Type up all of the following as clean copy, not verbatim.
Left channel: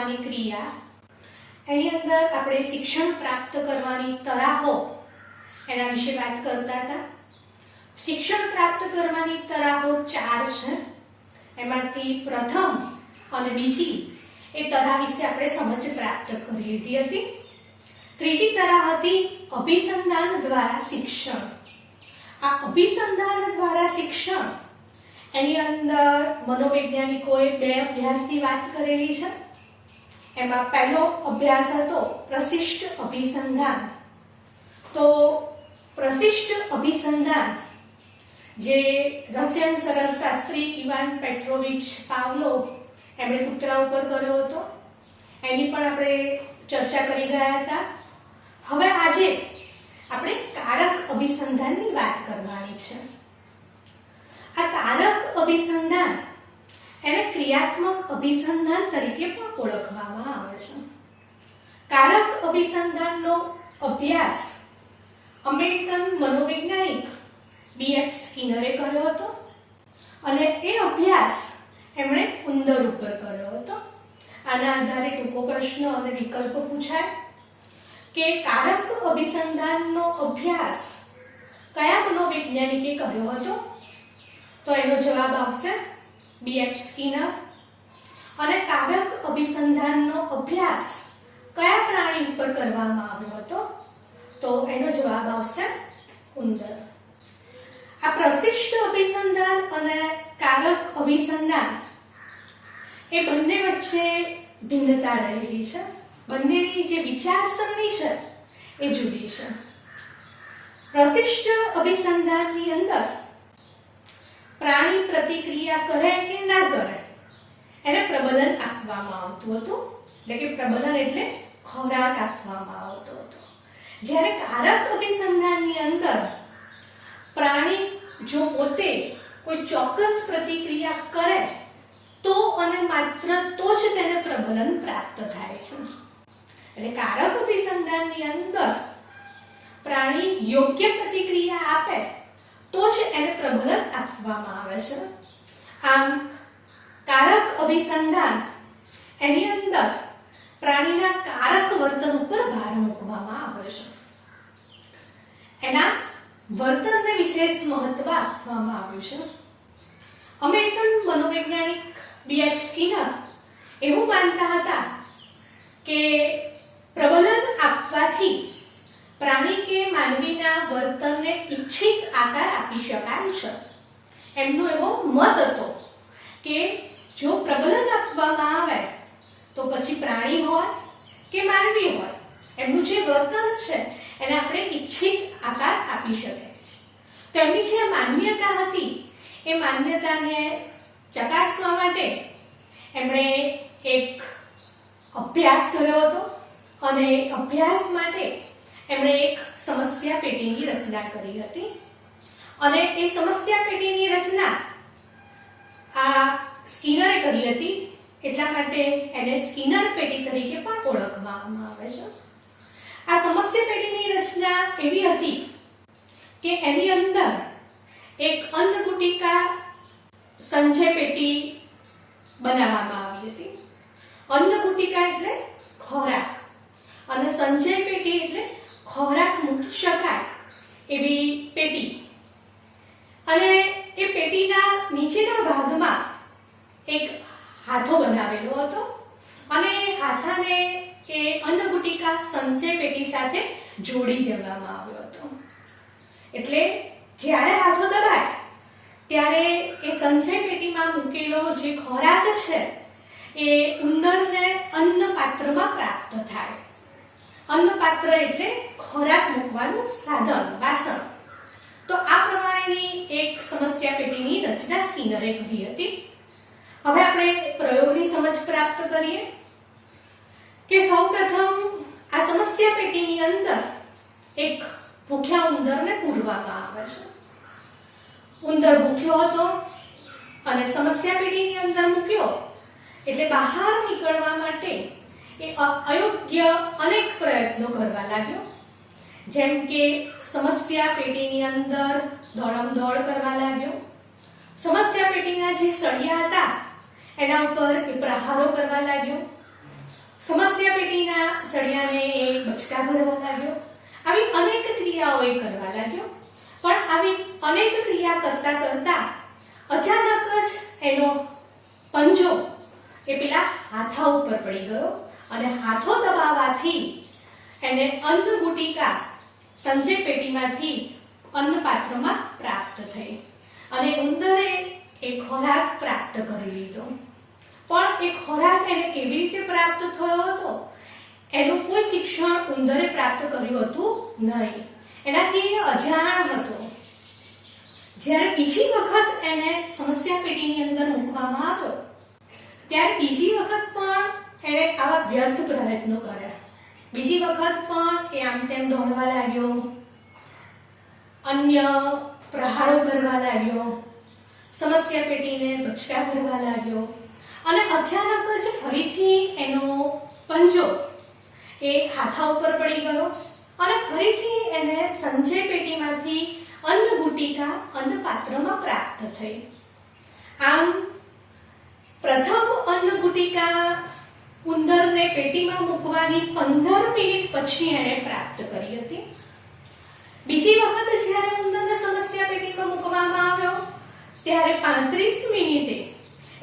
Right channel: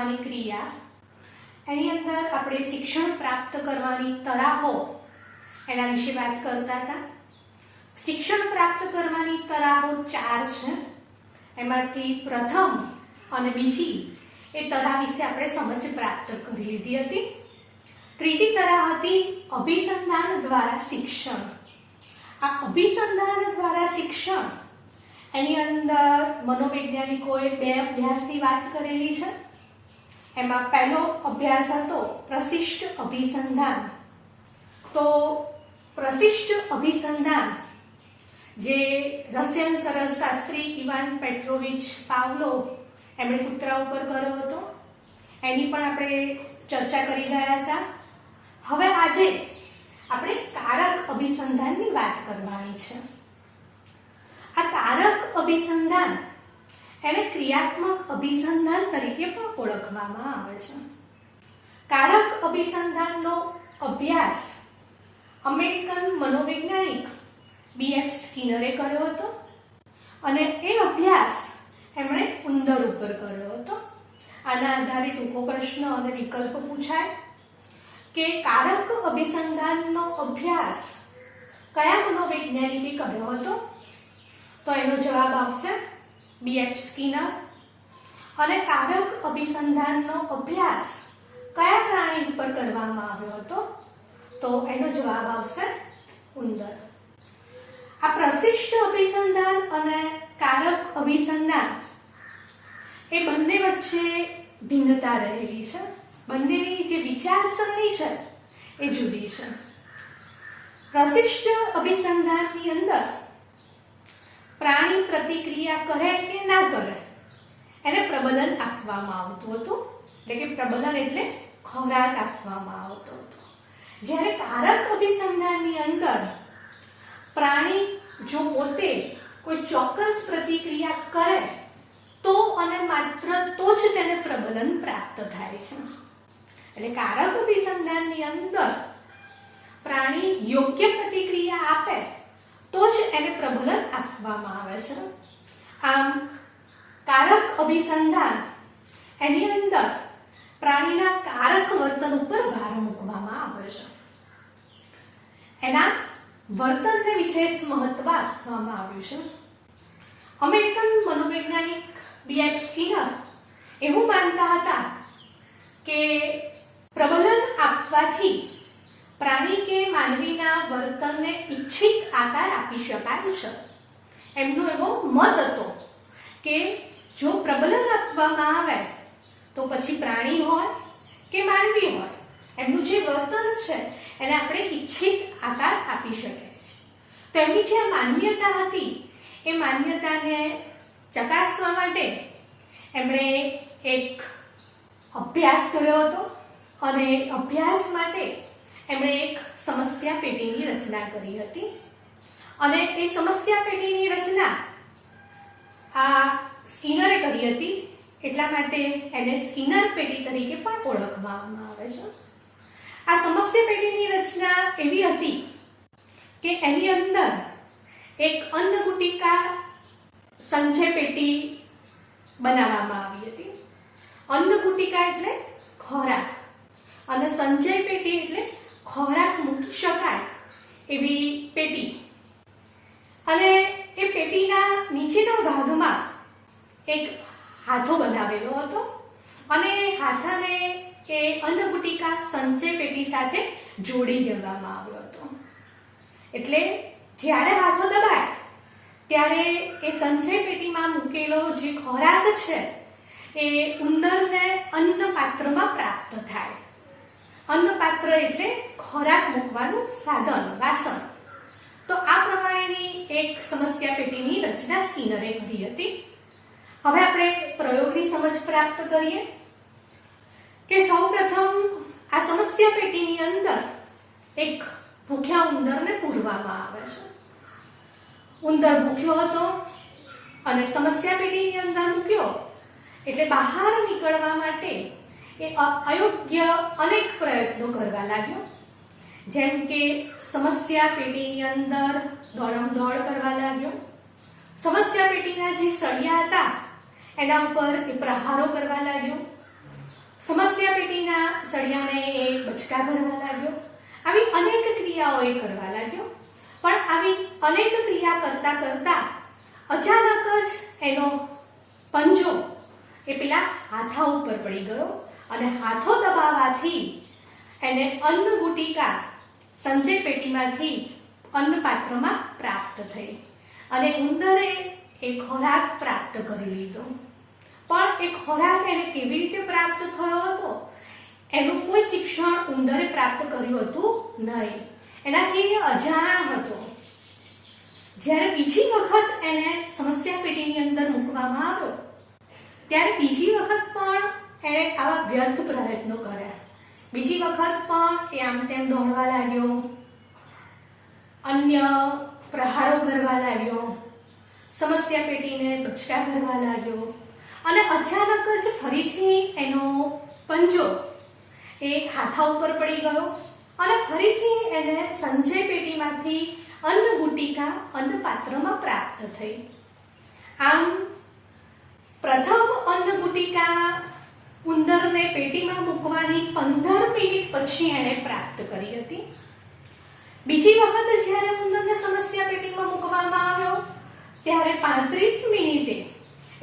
કરવાની ક્રિયા, એની અંદર આપણે શિક્ષણ પ્રાપ્ત કરવાની તરાહો એના વિશે વાત કરતા હતા. શિક્ષણ પ્રાપ્ત કરવાની તરાહો 4 છે. એમાંથી પ્રથમ અને બીજી એ તરાહ વિશે આપણે સમજ પ્રાપ્ત કરી લીધી હતી. ત્રીજી તરાહ હતી અભિસંધાન દ્વારા શિક્ષણ. આ અભિસંધાન દ્વારા શિક્ષણ એની અંદર મનોવૈજ્ઞાનિકોએ 2 અભ્યાસની વાત કરેલી છે. એમાં પહેલો અભ્યાસ હતો પ્રશિષ્ટ અભિસંધાન. તો પ્રશિષ્ટ અભિસંધાન જે રશિયન શરીરશાસ્ત્રી ઇવાન પેટ્રોવિચ પાવલોવ એમણે કૂતરા ઉપર કર્યો હતો, એની પણ આપણે ચર્ચા કરી ગયા હતા. હવે આજે આપણે કારક અભિસંધાનની વાત કરવાની છે. આ કારક અભિસંધાન એને ક્રિયાત્મક અભિસંધાન તરીકે પણ ઓળખવામાં આવે છે. કારક અભિસંધાનનો અભ્યાસ અમેરિકન મનોવૈજ્ઞાનિક B.F. સ્કિનરે કર્યો હતો અને એ અભ્યાસ એમણે ઉંદર ઉપર કર્યો હતો. આના આધારે ટૂંકો પ્રશ્ન અને વિકલ્પ પૂછાય કે કારક અભિસંધાનનો અભ્યાસ કયા મનોવૈજ્ઞાનિકે કર્યો હતો? તો એનો જવાબ આવશે B.F. સ્કિનર. અને કારક અભિસંધાનનો અભ્યાસ કયા પ્રાણી ઉપર કરવામાં આવ્યો હતો? તો એનો જવાબ આવશે ઉંદર. આ પ્રશિષ્ટ અભિસંધાન અને કારક અભિસંધાન એ બંને વચ્ચે ભિન્નતા રહેલી છે. બંનેની જે વિચારસરણી છે એ જુદી છે. પ્રશિષ્ટ અભિસંધાનની અંદર પ્રાણી પ્રતિક્રિયા કરે કે ના કરે એને પ્રબલન આપવામાં આવતું હતું, એટલે કે પ્રબલન એટલે ખોરાક આપવામાં આવતો હતો. જ્યારે કારક અભિસંધાનની અંદર પ્રાણી જો પોતે કોઈ ચોક્કસ પ્રતિક્રિયા કરે તો અને માત્ર તો જ તેને પ્રબલન પ્રાપ્ત થાય છે. એટલે કારક અભિસંધાનની અંદર પ્રાણી યોગ્ય પ્રતિક્રિયા આપે તો જ એને પ્રબલન આપવામાં આવે છે. આમ કારક અભિસંધાન એની અંદર પ્રાણીના કારક વર્તન ઉપર ભાર મૂકવામાં આવે છે. એના વર્તનને વિશેષ મહત્વ આપવામાં આવ્યું છે. અમેરિકન મનોવૈજ્ઞાનિક B.F. સ્કિનર એવું માનતા હતા કે પ્રબલન આપવાથી પ્રાણી કે માનવીના વર્તનને ઈચ્છિત આકાર આપી શકાય છે. એમનો એવો મત હતો કે જો પ્રબલન આપવામાં આવે તો પછી પ્રાણી હોય કે માનવી હોય એમનું જે વર્તન છે એને આપણે ઈચ્છિત આકાર આપી શકીએ છીએ. તેમની જે માન્યતા હતી એ માન્યતાને ચકાસવા માટે એમણે એક અભ્યાસ કર્યો હતો અને અભ્યાસ માટે એમણે એક સમસ્યા પેટીની રચના કરી હતી. અને એ સમસ્યા પેટીની રચના આ સ્કિનરે કરી હતી, એટલા માટે એને સ્કિનર પેટી તરીકે પણ ઓળખવામાં આવે છે. આ સમસ્યા પેટીની રચના એવી હતી કે એની અંદર એક અન્નગુટિકા સંચય પેટી બનાવવામાં આવી હતી. અન્નગુટિકા એટલે ખોરાક અને સંચય પેટી એટલે ખોરાક મૂકી શકાય એવી પેટી. અને એ પેટીના નીચેના ભાગમાં એક હાથો બનાવેલો હતો અને હાથાને એ અન્નગુટિકા સંચય પેટી સાથે જોડી દેવામાં આવ્યો હતો. એટલે જ્યારે હાથો દબાય ત્યારે એ સંચય પેટીમાં મૂકેલો જે ખોરાક છે એ ઉંદરને અન્નપાત્રમાં પ્રાપ્ત થાય. અન્નપાત્ર એટલે ખોરાક મૂકવાનું સાધન, વાસણ. તો આ પ્રમાણેની એક સમસ્યા પેટીની રચના સ્કિનરે કરી હતી. હવે આપણે પ્રયોગની સમજ પ્રાપ્ત કરીએ કે સૌપ્રથમ આ સમસ્યા પેટીની અંદર એક ભૂખ્યા ઉંદરને પૂરવામાં આવે છે. ઉંદર ભૂખ્યો હતો અને સમસ્યા પેટીની અંદર મૂક્યો એટલે બહાર નીકળવા માટે એ અયોગ્ય અનેક પ્રયત્નો કરવા લાગ્યો. જેમ કે સમસ્યા પેટીની અંદર દોડમ-દોડ કરવા લાગ્યો. સમસ્યા પેટીના જે સળિયા હતા એના ઉપર એ પ્રહારો કરવા લાગ્યો. સમસ્યા પેટીના સળિયાને એ બચકા ભરવા લાગ્યો. આવી અનેક ક્રિયાઓ એ કરવા લાગ્યો. પણ આવી અનેક ક્રિયા કરતા કરતા અચાનક જ એનો પંજો એ પેલા હાથા ઉપર પડી ગયો અને હાથો દબાવવાથી એને અન્ન ગુટિકા સંચય પેટીમાંથી અન્ન પાત્રમાં પ્રાપ્ત થઈ અને ઉંદરે એ ખોરાક પ્રાપ્ત કરી લીધો. પણ એ ખોરાક એને કેવી રીતે પ્રાપ્ત થયો હતો એનું કોઈ શિક્ષણ ઉંદરે પ્રાપ્ત કર્યું હતું નહીં. એનાથી એ અજાણ હતો. જ્યારે બીજી વખત એને સમસ્યા પેટીની અંદર મૂકવામાં આવ્યો ત્યારે બીજી વખત પણ એને આવા વ્યર્થ પ્રયત્નો કર્યા. બીજી વખત પણ એ આમ તેમ દોડવા લાગ્યો, અન્ય પ્રહારો કરવા લાગ્યો, સમસ્યા પેટીને બચકા ભરવા લાગ્યો અને અચાનક જ ફરીથી એનો પંજો એ હાથા ઉપર પડી ગયો અને ફરીથી એને સંચય પેટીમાંથી અન્ન ગુટિકા અન્ન પાત્રમાં પ્રાપ્ત થઈ. આમ પ્રથમ અન્ન ગુટિકા ઉંદરને પેટીમાં મૂકવાની 15 મિનિટ પછી એને પ્રાપ્ત કરી હતી. બીજી વખત જ્યારે ઉંદરને સમસ્યા પેટીમાં મૂકવામાં આવ્યો ત્યારે 35 મિનિટે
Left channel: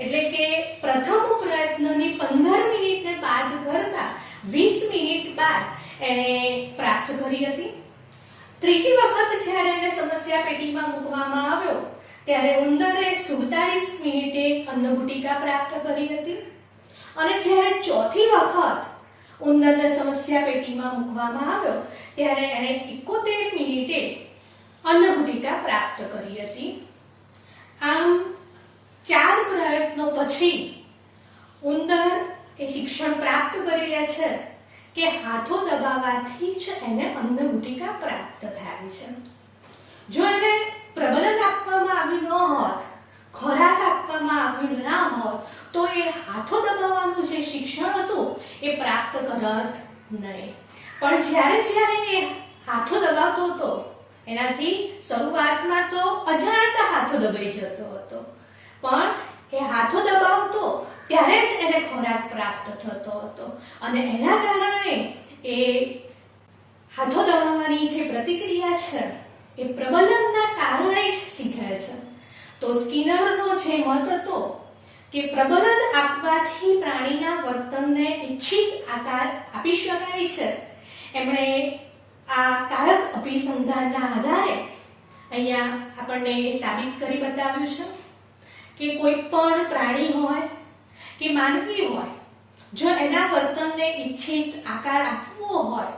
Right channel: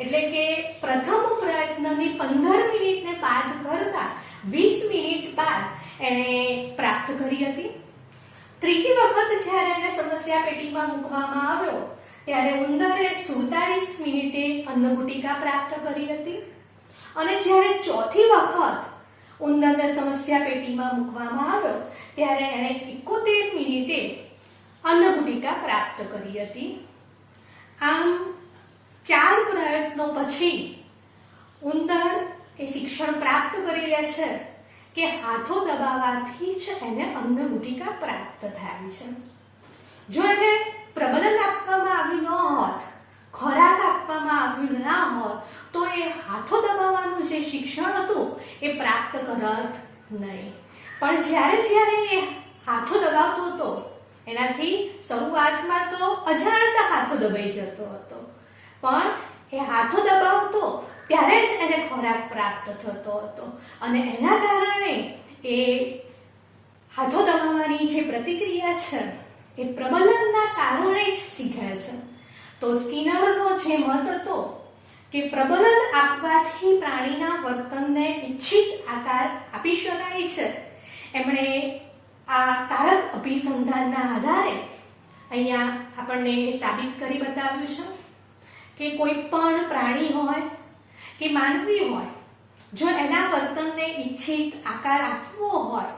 એટલે કે પ્રથમ પ્રયત્નની 15 મિનિટને બાદ કરતા 20 મિનિટ બાદ એને પ્રાપ્ત કરી હતી. ત્રીજી વખત જ્યારે એને સમસ્યા પેટીમાં મૂકવામાં આવ્યો ત્યારે ઉંદરે 47 મિનિટે અન્ન ગુટિકા પ્રાપ્ત કરી હતી અને જ્યારે ચોથી વખત ઉંદરને સમસ્યા પેટીમાં મૂકવામાં આવ્યો ત્યારે એણે 71 મિનિટે અન્ન ગુટિકા પ્રાપ્ત કરી હતી. આમ 4 પ્રયત્નો પછી ઉંદર એ શિક્ષણ પ્રાપ્ત કરી લે છે કે હાથો દબાવવાથી જ એને અન્ન ગુટિકા પ્રાપ્ત થાય છે. જો એને પ્રબલન આપવામાં આવ્યું ન હોત, ખોરાક આપવામાં આવ્યું ના હોત તો એ હાથો દબાવવાનું જે શિક્ષણ હતું એ પ્રાપ્ત કરત નહીં. પણ જ્યારે જ્યારે એ હાથો દબાવતો હતો એનાથી શરૂઆતમાં તો અજાણતા હાથો દબાઈ જતો હતો, પણ એ હાથો દબાવતો ત્યારે જ એને ખોરાક પ્રાપ્ત થતો હતો અને એના કારણે એ હાથો દબાવવાની જે પ્રતિક્રિયા છે એ પ્રબલનના કારણે જ શીખે છે. તો સ્કિનરનો જે મત હતો કે પ્રબલન આપવાથી પ્રાણીના વર્તનને ઈચ્છિત આકાર આપી શકાય છે, એમણે આ કારક અભિસંધાનના આધારે અહીંયા આપણને સાબિત કરી બતાવ્યું છે કે કોઈ પણ પ્રાણી હોય કે માનવી હોય, જો એના વર્તનને ઈચ્છિત આકાર આપવો હોય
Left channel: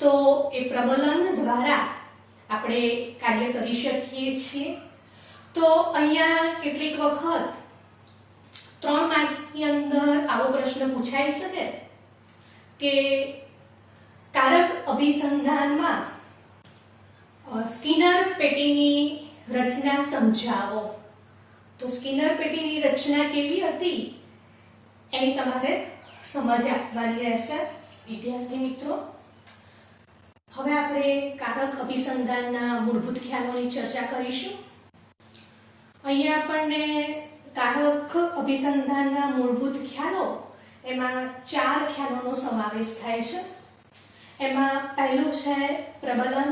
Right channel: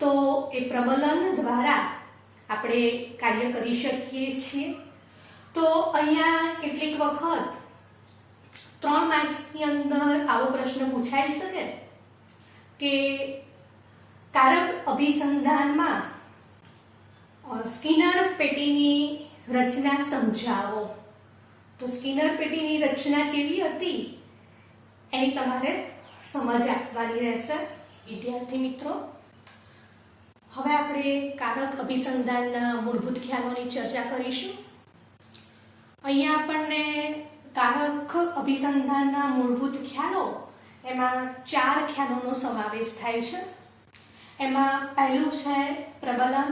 તો એ પ્રબલન દ્વારા આપણે કાર્ય કરી શકીએ છીએ. તો અહીંયા કેટલીક વખત 3 માર્ક્સની અંદર આવો પ્રશ્ન પૂછાઈ શકે કે કારક અભિસંધાનમાં સ્કિનર પેટીની રચના સમજાવો. તો સ્કિનર પેટીની રચના કેવી હતી એની તમારે સમજ આપવાની રહેશે વિદ્યાર્થી મિત્રો. હવે આપણે કારક અભિસંધાનના મૂળભૂત ખ્યાલોની ચર્ચા કરીશું. અહીંયા આપણને કારક અભિસંધાનના મૂળભૂત ખ્યાલો એમાં 4 ખ્યાલોનો સમાવેશ થાય છે. એમાં પહેલું છે પ્રબલન,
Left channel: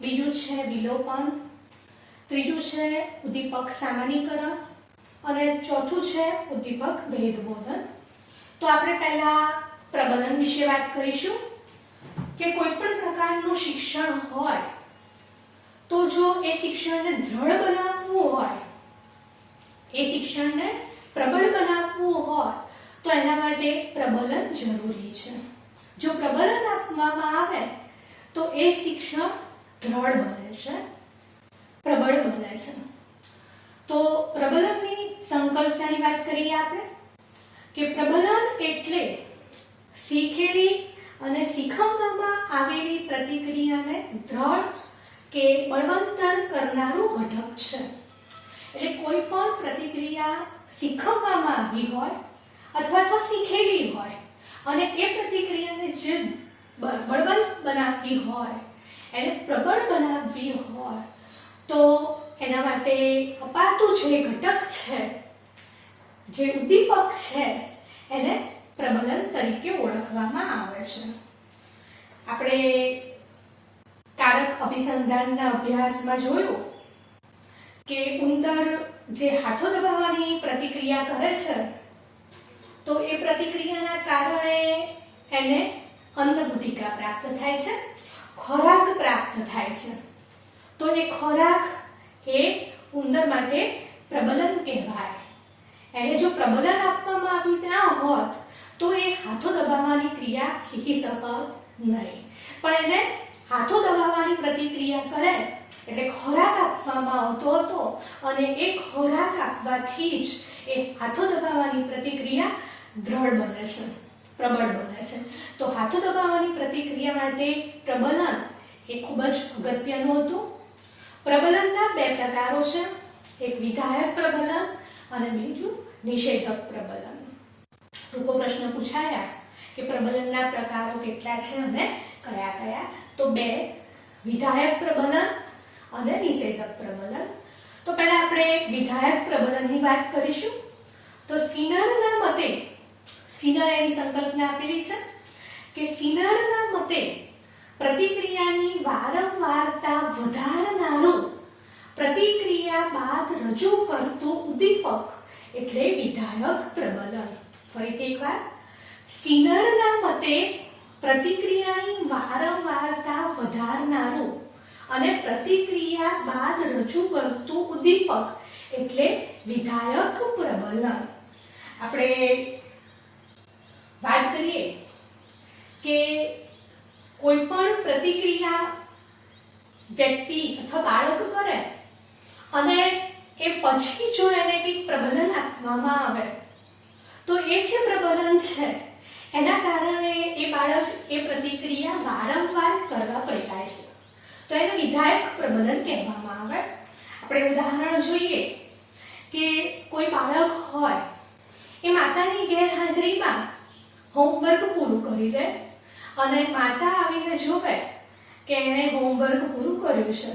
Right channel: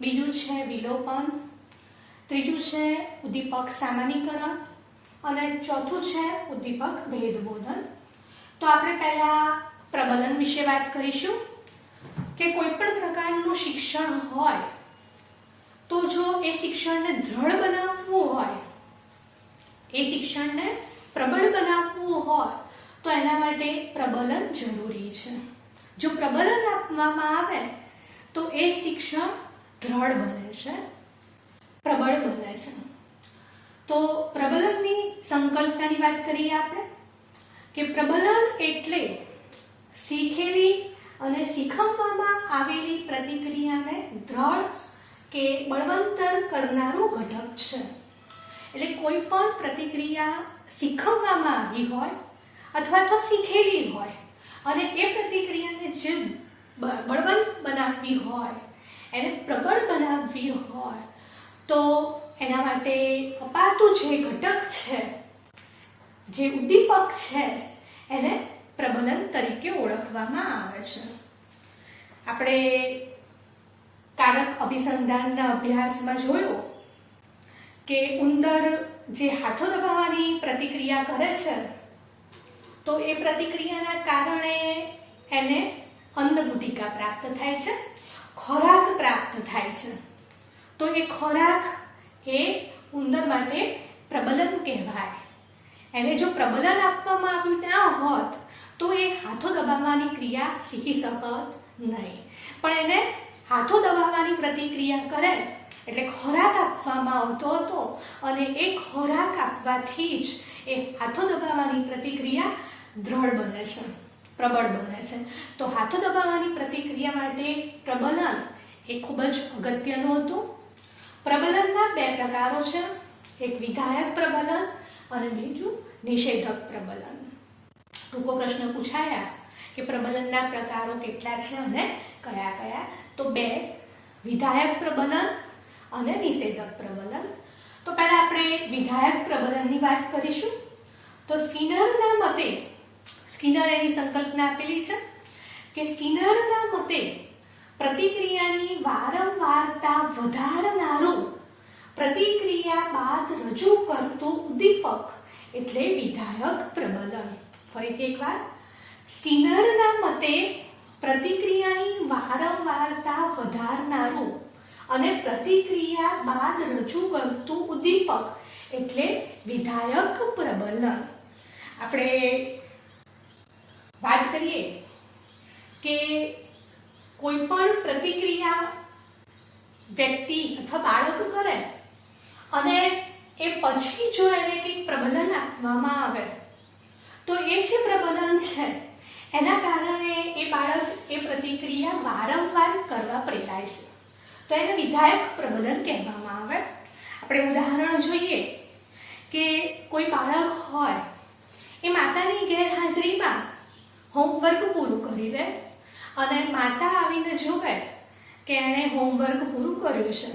બીજું છે વિલોપન, ત્રીજું છે ઉદ્દીપક સામાન્યકરણ અને ચોથું છે ઉદ્દીપક ભેદબોધન. તો આપણે પહેલા પ્રબલન વિશે વાત કરીશું કે કોઈ પણ પ્રકારનું શિક્ષણ હોય તો જો એ શિક્ષણને દ્રઢ બનાવવું હોય, એ શિક્ષણને પ્રબળ બનાવવું હોય તો એના માટે પ્રબલન જરૂરી છે. જો પ્રબલન આપવામાં આવે તો એ શિક્ષણ દ્રઢ બને છે, પ્રબળ બને છે. તો પ્રબલનની સંકલ્પનાની વાત કરીએ આપણે કે પ્રબલન એટલે શીખેલી અને શીખવવામાં આવેલી પ્રતિક્રિયાને દ્રઢ કે બળવંતર કરનારું ઘટક છે. એટલે કોઈ પણ પ્રતિક્રિયા શીખવવામાં આવી હોય અથવા તો શીખેલી હોય અને એ પ્રતિક્રિયાને જે બળવંત બનાવવી હોય, એને પ્રબળ બનાવવી હોય તો એના માટે અપાતું જે ઘટક છે, જે ઉદ્દીપક છે એને પ્રબલન તરીકે ઓળખવામાં આવે છે. આપણે કારક અભિસંધાનના અભ્યાસમાં જોયું કે ઉંદર જે હાથો દબાવવાની પ્રતિક્રિયા કરે છે તો એ પ્રતિક્રિયાના કારણે એને અન્નગુટિકા પ્રાપ્ત થાય છે, ખોરાક પ્રાપ્ત થાય છે. તો એ ખોરાક એ ઉંદર માટે પ્રબલન કહેવાય. એને જો પ્રબલન આપવામાં આવ્યું ના હોત તો એ હાથો દબાવવાની ક્રિયા શીખી શકત નહીં. પણ એને હાથો દબાવવાની પ્રતિક્રિયા કરે એટલે ખોરાક આપવામાં આવતો હતો અને એ ખોરાક આપવાથી જ એ હાથો દબાવવાની પ્રતિક્રિયા દ્રઢ બને છે, પ્રબળ બને છે. તો હાથો દબાવવાની પ્રતિક્રિયા માટે પ્રબલન એ ખૂબ જ અગત્યનું હતું. પ્રબલનના બે પ્રકારો છે, એક વિધાયક પ્રબલન અને બીજું નિષેધક પ્રબલન. ટૂંકો પ્રશ્ન પૂછાયા કે પ્રબલનના પ્રકારો કેટલા છે અને કયા કયા? તો બે, વિધાયક પ્રબલન અને નિષેધક પ્રબલન. તો પહેલા આપણે વિધાયક પ્રબલનની વાત કરીશું. તો સ્કિનરના મતે, સ્કિનર એની સંકલ્પના આપેલી છે કે સ્કિનરના મતે પ્રતિક્રિયાની વારંવારતા વધારનારું પ્રતિક્રિયા બાદ રજૂ કરતું ઉદ્દીપક એટલે વિધાયક પ્રબલન. ફરીથી એકવાર, સ્કિનરના મતે પ્રતિક્રિયાની વારંવારતા વધારનારું અને પ્રતિક્રિયા બાદ રજૂ કરતું ઉદ્દીપક એટલે વિધાયક પ્રબલન. આપણે વાત કરીએ કે કોઈ પણ પ્રતિક્રિયા વ્યક્તિ અથવા બાળક કરે અને એ પછી જો એને કંઈક પ્રબલન આપવામાં આવે તો એ જે પ્રબલન છે એના કારણે એ બાળક એ પ્રતિક્રિયા વારંવાર કરવા પ્રેરાય છે. તો એને વિધાયક પ્રબલન કહેવામાં આવે. આપણે ઉદાહરણ જોઈએ કે કોઈ બાળક હોય એ માતાની ગેરહાજરીમાં હોમવર્ક પૂરું કરી દે અને માતા આવીને જોવે કે એણે હોમવર્ક પૂરું કર્યું છે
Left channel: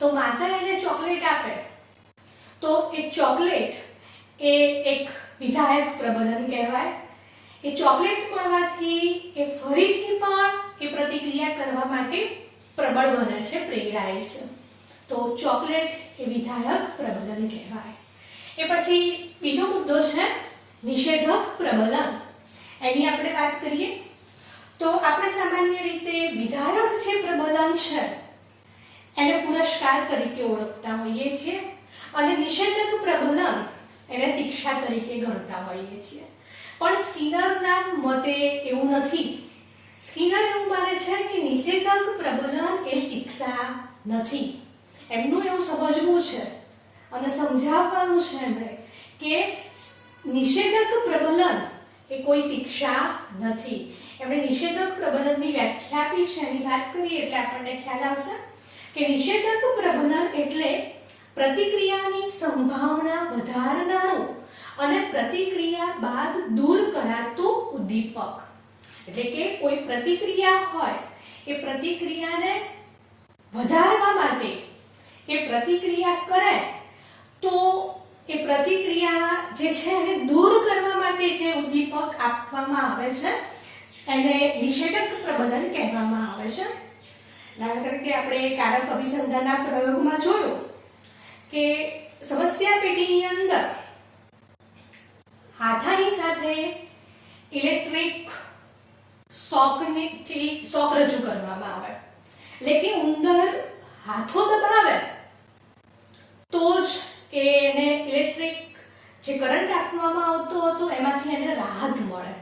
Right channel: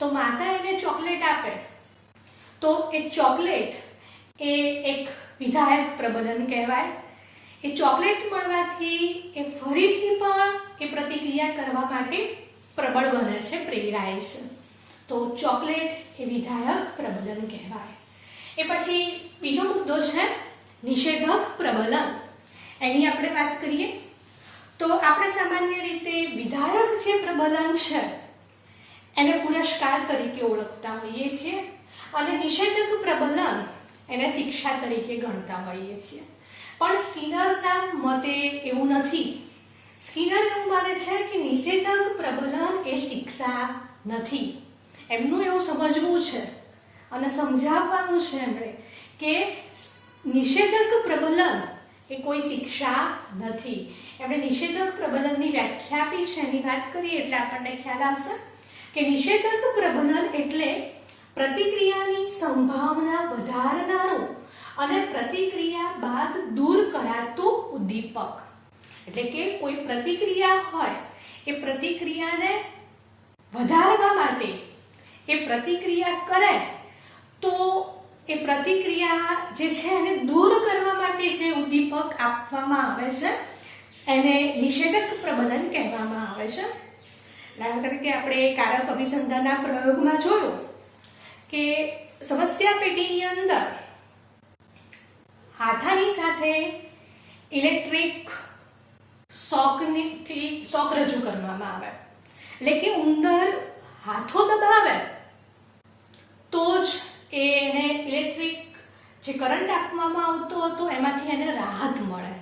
તો માતા એને ચોકલેટ આપે તો એ ચોકલેટ એ એક વિધાયક પ્રબલન કહેવાય. એ ચોકલેટ મળવાથી એ ફરીથી પણ એ પ્રતિક્રિયા કરવા માટે પ્રબળ બને છે, પ્રેરાય છે. તો ચોકલેટ એ વિધાયક પ્રબલન કહેવાય. એ પછી બીજો મુદ્દો છે નિષેધક પ્રબલન. એની આપણે વાત કરીએ તો આપણે સામાન્ય રીતે વિધાયક જે પ્રબલન છે એને પુરસ્કાર તરીકે ઓળખતા હોઈએ છીએ અને નિષેધક પ્રબલન એને શિક્ષા તરીકે ગણતા હોઈએ છીએ. પણ સ્કિનરના મતે એવું નથી. સ્કિનર એવું માને છે કે નિષેધક પ્રબલન એ શિક્ષા નથી. એમનું એવું સમજવું છે અને સમજાવવાનું છે એમણે કે નિષેધક પ્રબલન એ કોઈ શિક્ષા નથી. એમણે નિષેધક પ્રબલનની વ્યાખ્યા આપી છે, એની વાત કરીએ એટલે આપણને ખ્યાલ આવશે કે નિષેધક પ્રબલન એટલે પ્રતિક્રિયાની સંભાવના વધારનારું અને પ્રતિક્રિયા બાદ દૂર કરાતું ઉદ્દીપક. એટલે કે કોઈ પ્રતિક્રિયા હોય એ પ્રતિક્રિયાને વધારવા માટે એ પ્રતિક્રિયા કરે તો એ પ્રતિક્રિયા જે છે એને દૂર કરવા માટે જે ઉદ્દીપક આપવામાં આવે છે એને નિષેધક પ્રબલન કહેવામાં આવે છે. દાખલા તરીકે આપણે કારક અભિસંધાનના પ્રયોગમાં જોયું કે સમસ્યા પેટીની અંદર હાથાની સાથે ઇલેક્ટ્રિક શોક રજૂ કરવામાં આવે. એટલે કે ઉંદર હાથો દબાવે તો જ એને ઇલેક્ટ્રિક જે કરંટ આપવામાં આવતો હતો એમાંથી એને રાહત મળે.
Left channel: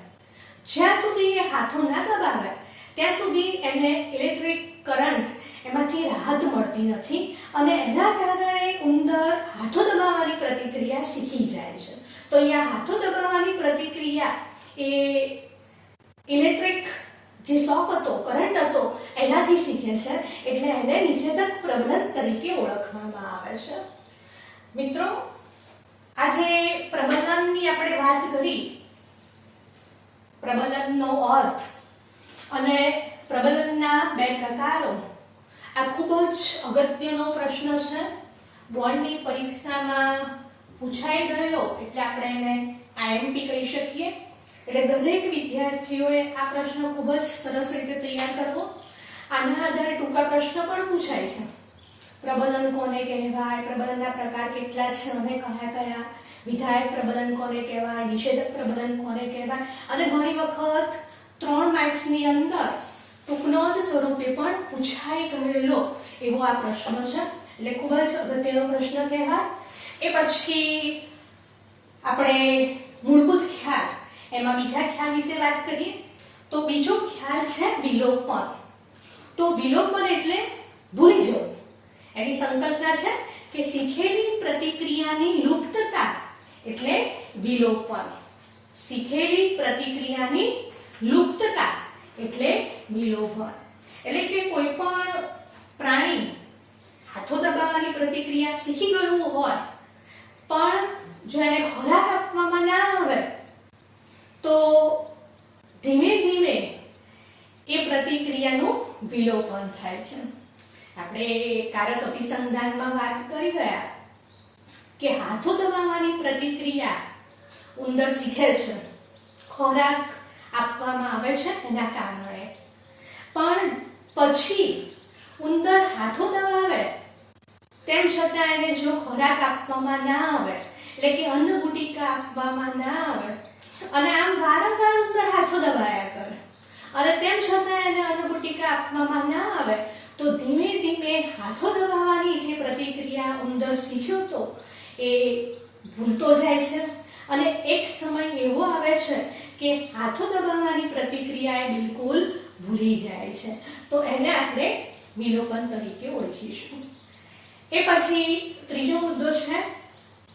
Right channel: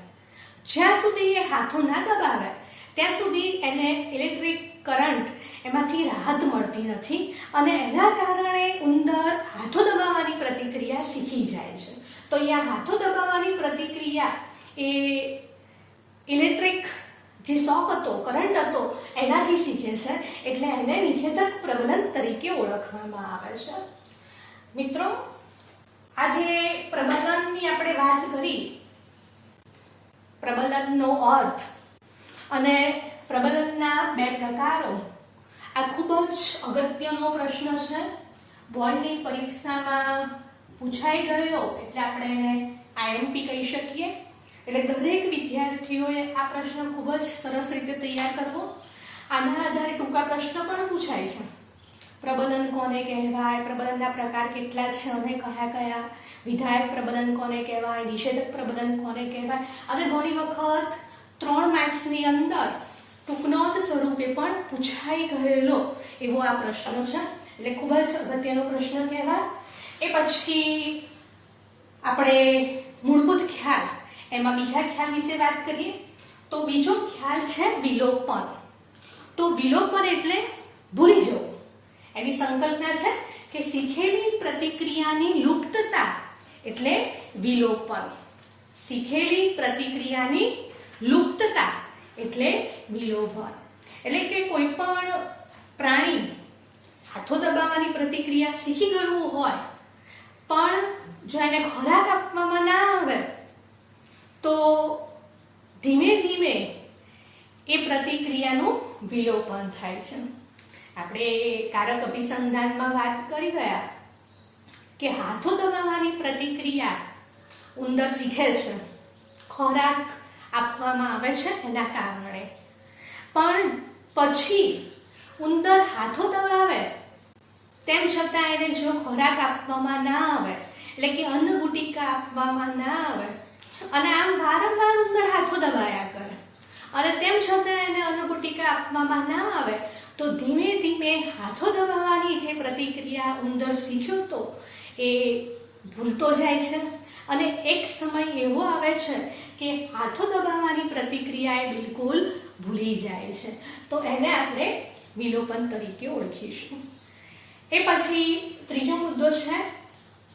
જ્યાં સુધી એ હાથો ના દબાવે ત્યાં સુધી એને ઇલેક્ટ્રિક કરંટ એમાંથી રાહત મળતી નથી અને એના કારણે ઉંદર હાથો દબાવવાની પ્રતિક્રિયા શીખી જાય છે. તો અહીંયા હાથો દબાવવાની પ્રતિક્રિયા એ ઇલેક્ટ્રિક જે શોક હતો, કરંટ હતો એનાથી શીખે છે એટલે એને નિષેધક પ્રબલન તરીકે ઓળખવામાં આવે છે. મિત્રો, આજે પ્રબલનની આપણે વાત કરી, પ્રબલનનો અર્થ અને પ્રબલનના બે પ્રકારો. આ ખૂબ જ અગત્યનો પ્રશ્ન છે. બોર્ડની પરીક્ષામાં પૂછાઈ ગયેલો એટલે આપણે એને IMP કહી શકીએ. એટલે દરેક વિદ્યાર્થીઓએ આ પ્રશ્ન ખૂબ જ સરસ રીતે તૈયાર કરવો. આના આધારે ટૂંકા પ્રશ્ન પણ પૂછાય છે. પ્રબલન કોને કહેવાય, પ્રબલનના પ્રકાર કેટલા છે અને કયા કયા, વિધાયક પ્રબલન કોને કહેવાય, નિષેધક પ્રબલન કોને કહેવાય, અને ઘણી વખત 3 માર્ક્સની અંદર ટૂંકનોંધ સ્વરૂપે પણ પૂછાઈ ગયેલો એવો આ પ્રશ્ન છે. એટલે ખૂબ જ અગત્યનો પ્રશ્ન કહેવાય. એ પછી આપણે મૂળભૂત ખ્યાલ, એમાં બીજા ખ્યાલ વિશે વાત કરીએ તો બીજો ખ્યાલ છે વિલોપન. તો વિલોપન એટલે ભૂલી જવું. એની સંકલ્પના છે કે શીખેલી પ્રતિક્રિયાની લુપ્તતા એટલે વિલોપન. શીખેલી પ્રતિક્રિયાની લુપ્તતા એટલે વિલોપન. એટલે કે કોઈ પણ પ્રાણી હાથો દબાવવાની પ્રતિક્રિયા શીખી ગયું હોય પણ જો એને ખોરાક આપવામાં ના આવે તો ધીમે ધીમે એ પ્રતિક્રિયાનું વિલોપન થાય છે. આપણે કારક અભિસંધાનમાં વાત કરી ગયા કે હાથો દબાવવાની પ્રતિક્રિયા ઉંદર શીખે છે ખોરાક આપવામાં આવે છે એના કારણે, પણ પછી ઉંદર હાથો દબાવે તેમ છતાં એને જો ખોરાક આપવામાં ના આવે, એટલે કે અન્ન ગુટિકા આપવામાં ના આવે અને આમ વારંવાર ઉંદર હાથો દબાયા કરે અને તેમ છતાં એને અન્ન ગુટિકા આપવામાં ના આવે તો ધીમે ધીમે હાથો દબાવવાની જે પ્રતિક્રિયા ઉંદર શીખ્યો તો એ ભૂલતો જાય છે અને એક સમય એવો આવે છે કે હાથો દબાવવાની પ્રતિક્રિયા એ બિલકુલ ભૂલી જાય છે. તો એને આપણે વિલોપન તરીકે ઓળખીશું. એ પછી ત્રીજો મુદ્દો છે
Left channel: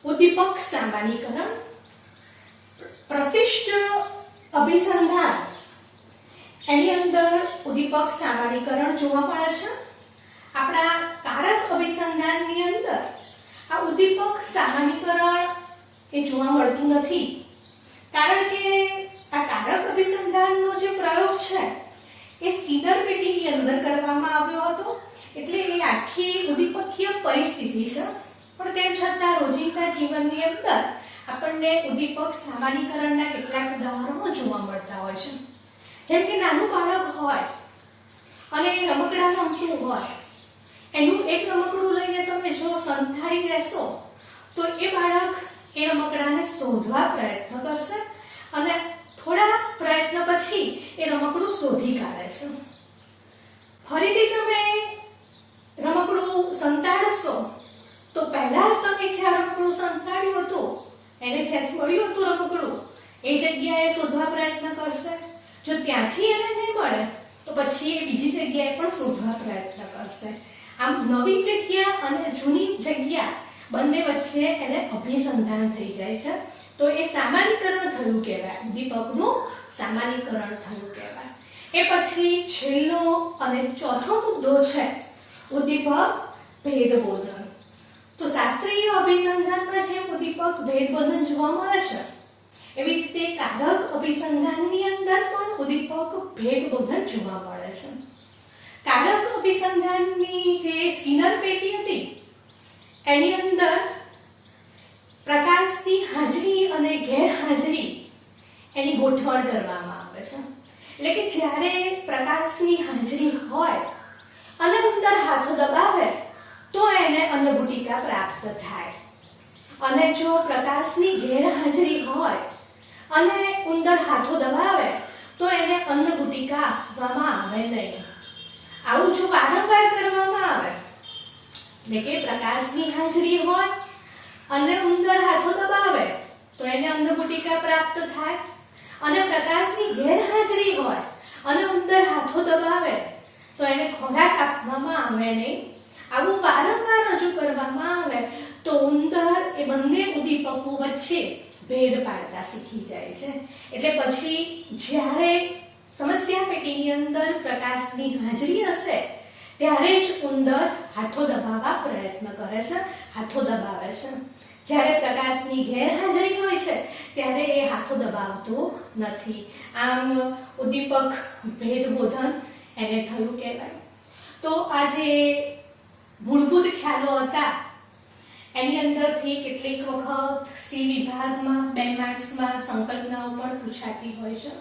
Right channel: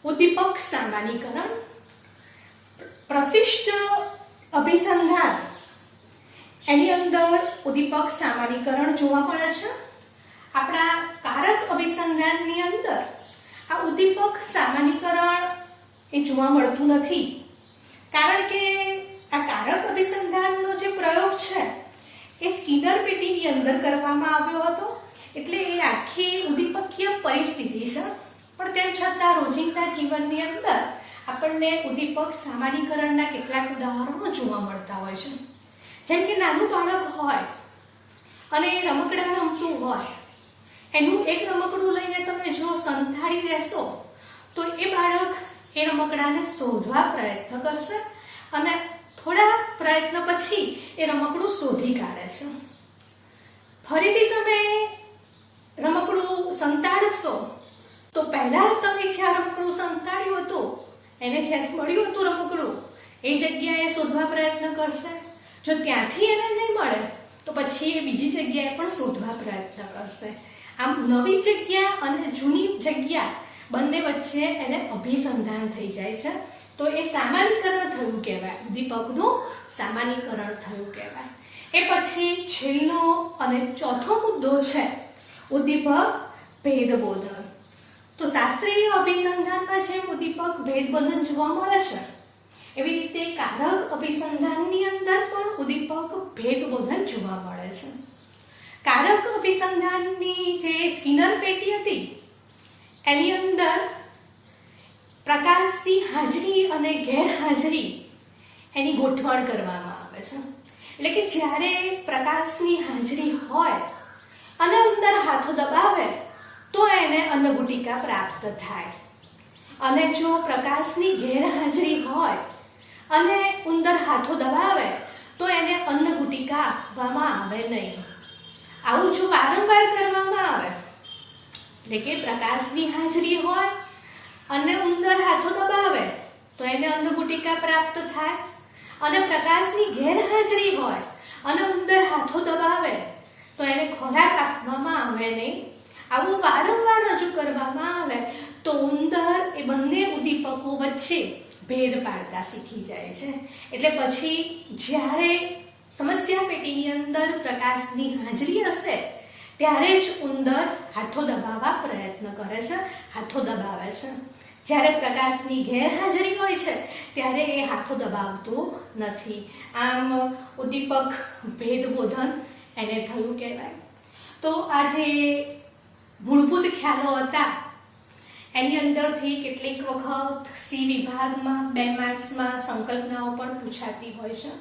ઉદ્દીપક સામાન્યીકરણ. પ્રશિષ્ટ અભિસંધાન એની અંદર ઉદ્દીપક સામાન્યીકરણ જોવા મળે છે. આપણા કારક અભિસંધાનની અંદર આ ઉદ્દીપક સામાન્યીકરણ એ જોવા મળતું નથી, કારણ કે આ કારક અભિસંધાનનો જે પ્રયોગ છે એ સ્કિનર પેટીની અંદર કરવામાં આવ્યો હતો. એટલે એ આખી ઉદ્દીપકીય પરિસ્થિતિ છે, પણ તેમ છતાં રોજિંદા જીવનની અંદર આપણને ઉદ્દીપક સામાન્યીકરણના કેટલાક ઉદાહરણો જોવા મળતા હોય છે. જેમ કે નાનું બાળક હોય અને એ રમકડા રમતું હોય, એનું એક રમકડું લઈને તમે જો સંતાડી દેશો તો એ બાળક એ રમકડાને શોધવા પ્રયત્ન કરશે અને થોડા પ્રયત્ન પછી એ રમકડું શોધી કાઢે છે. ફરીથી તમે રમકડું સંતાડશો તો પહેલા તમે જ્યાં રમકડું સંતાડ્યું હતું એને જ્યાંથી મળ્યું હતું રમકડું એ જગ્યાએ શોધવા પ્રયત્ન કરશે. જો ત્યાંથી એને નહીં મળે તો પછી એ બીજી જગ્યાએ પણ શોધવા પ્રયત્ન કરશે. આમ નવી જગ્યા અને જૂની જગ્યા બંને વચ્ચે એને અભિસંધાન થઈ જાય છે. તો એ સામાન્યીકરણ થયું કહેવાય, ઉદ્દીપકનું સામાન્યીકરણ થયું કહેવાય. એ પછી છેલ્લો અને ચોથો મુદ્દો છે ઉદ્દીપક ભેદબોધન. તો શાસ્ત્રીય અભિસંધાનમાં જે ઉદ્દીપક ભેદબોધન જોવા મળે છે એવી રીતે કારક અભિસંધાનની અંદર પણ ઉદ્દીપક ભેદબોધન જોવા મળે છે. કારક અભિસંધાનની જે સ્કિનર પેટી હતી એની અંદર પ્રકાશની હાજરી અને ગેરહાજરી એની ગોઠવણ કરવામાં આવે છે. એટલે કે જ્યારે પ્રકાશની હાજરી હોય અને ઉંદર હાથો દબાવે તો એને અન્નગુટિકા પ્રાપ્ત થાય, અને જો પ્રકાશની ગેરહાજરી હોય અને ઉંદર હાથો દબાવે તો એને અન્નગુટિકા આપવામાં આવે નહીં. આવું જો વારંવાર કરવામાં આવે, એટલે કે પ્રકાશની હાજરી હોય અને ઉંદર હાથો દબાવે તો એને અન્નગુટિકા પ્રાપ્ત થાય, અને પ્રકાશની ગેરહાજરી હોય અને ઉંદર હાથો દબાવે તો એને ખોરાક આપવામાં આવે નહીં. આવું વારંવાર રજૂ કરવામાં આવે તો ઉંદર એ બંને ઉદ્દીપકો વચ્ચે ભેદ પાડતા શીખી જાય છે. એટલે પછી જ્યારે સમસ્યા પેટીની અંદર પ્રકાશની હાજરી હશે ત્યારે જ ઉંદર હાથો દબાવવા પ્રયત્ન કરે છે, હાથો દબાવે છે. જ્યારે પ્રકાશની ગેરહાજરી હોય છે ત્યારે એ હાથો દબાવતું નથી. આમ ઉદ્દીપક ભેદબોધન એને થયું કહેવાય. તો આ જે મૂળભૂત ખ્યાલો હતા એની અંદરથી કેટલીક વખત સી વિભાગમાં 2 માર્ક્સમાં સંકલ્પનાઓ પણ પૂછાતી હોય છે.